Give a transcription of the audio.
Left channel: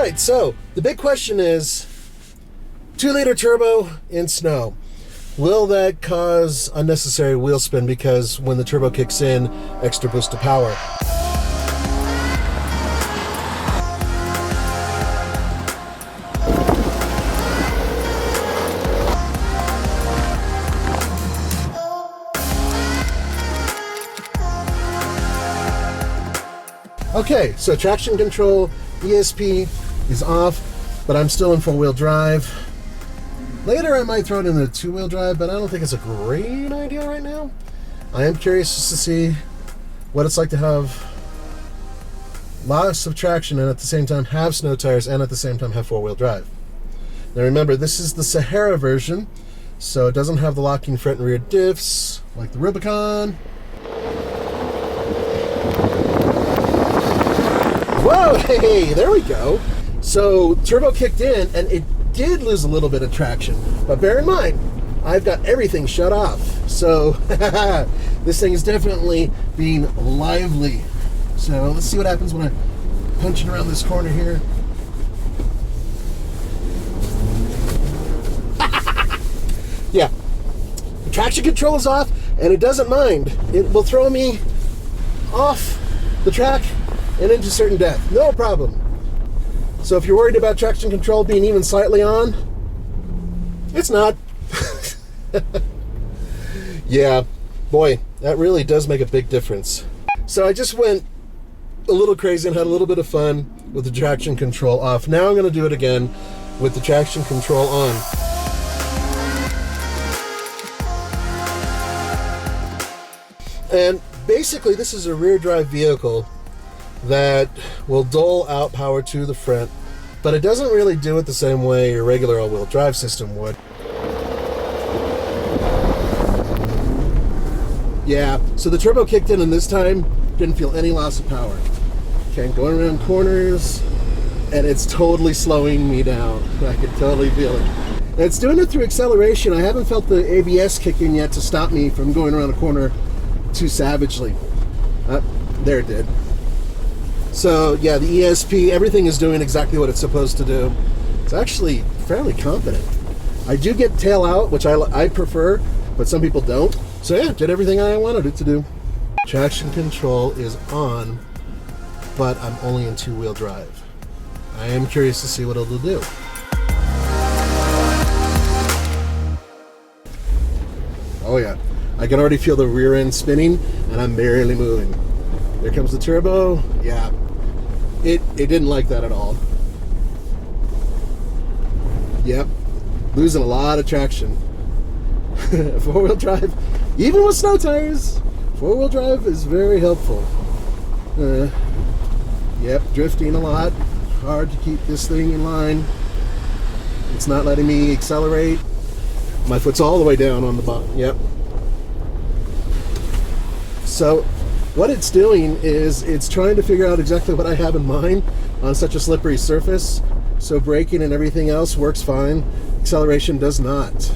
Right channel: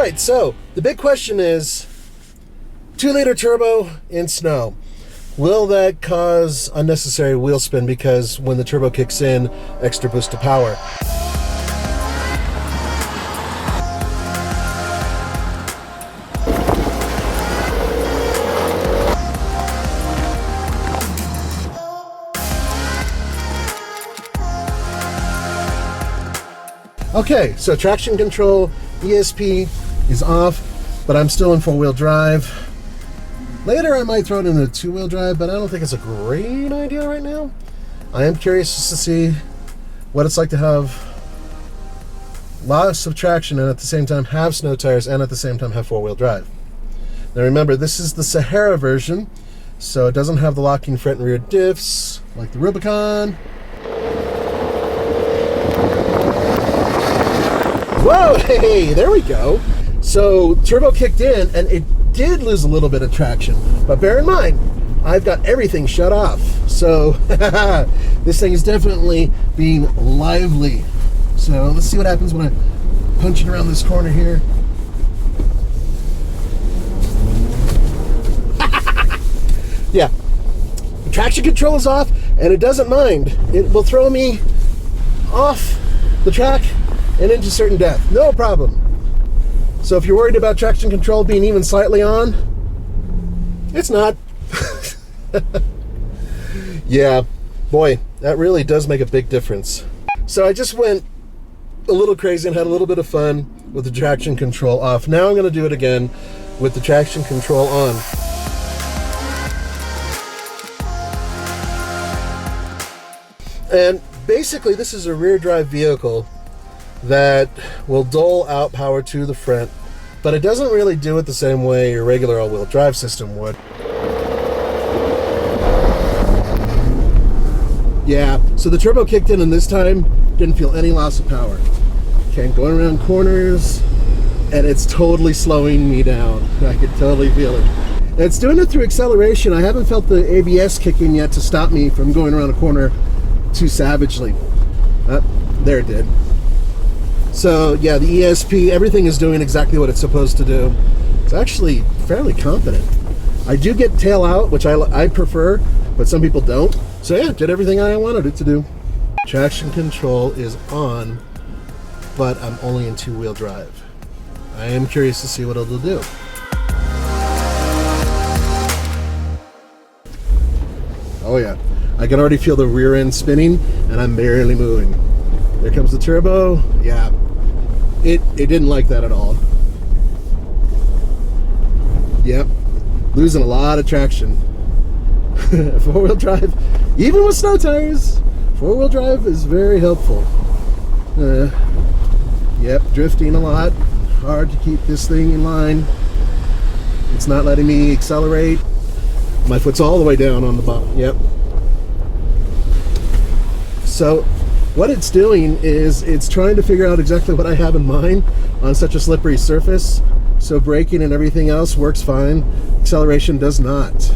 right, so the big question is 2-liter turbo in snow. Will that cause unnecessary wheel spin because when the turbo kicks in, extra boost of power? Okay, so traction control, ESP is off, but I'm still in 4-wheel drive. Later I might throw it into 2-wheel drive, but I don't think it's a great idea right now. I am curious just to see what it's like to have lots of traction and at the same time have snow tires and at the same time have 4-wheel drive. Now remember, this is the Sahara version, so it doesn't have the locking front and rear diffs like the Rubicon. Whoa, hey, there we go. So turbo kicked in and it did lose a little bit of traction, but bear in mind, I've got everything shut off. So this thing is definitely being lively. So let's see what happens when I punch it around this corner here. Yeah, the traction control is off and it doesn't mind. It will throw me off the track and into certain depth, no problem. So if you're worried about traction control being even slightly on, it's not. Yeah, boy, that really does make a big difference. So I just went a little crazy and had a little bit of fun with the traction control off. Now I'm gonna do it again with the traction control on. And basically this is a rear drive vehicle that will dole out power to the front, but it doesn't really do it the same way your regular all-wheel drive system would. Yeah, so the turbo kicked in and this time didn't feel any loss of power. Okay, I'm going around corners and it's totally slowing me down. I can totally feel it. And it's doing it through acceleration. I haven't felt the ABS kick in yet to stop me from going around a corner too savagely. There it did. So yeah, the ESP, everything is doing exactly what it's supposed to do. It's actually fairly competent. I do get tail out, which I prefer, but some people don't. So yeah, did everything I wanted it to do. Traction control is on, but I'm only in 2-wheel drive. I am curious to see what it'll do. Oh yeah, I can already feel the rear end spinning and I'm barely moving. There comes the turbo. Yeah, it didn't like that at all. Yep, losing a lot of traction. 4-wheel drive, even with snow tires, 4-wheel drive is very helpful. Yep, drifting a lot. Hard to keep this thing in line. It's not letting me accelerate. My foot's all the way down on the bottom. Yep. So what it's doing is it's trying to figure out exactly what I have in mind on such a slippery surface. So braking and everything else works fine. Acceleration does not.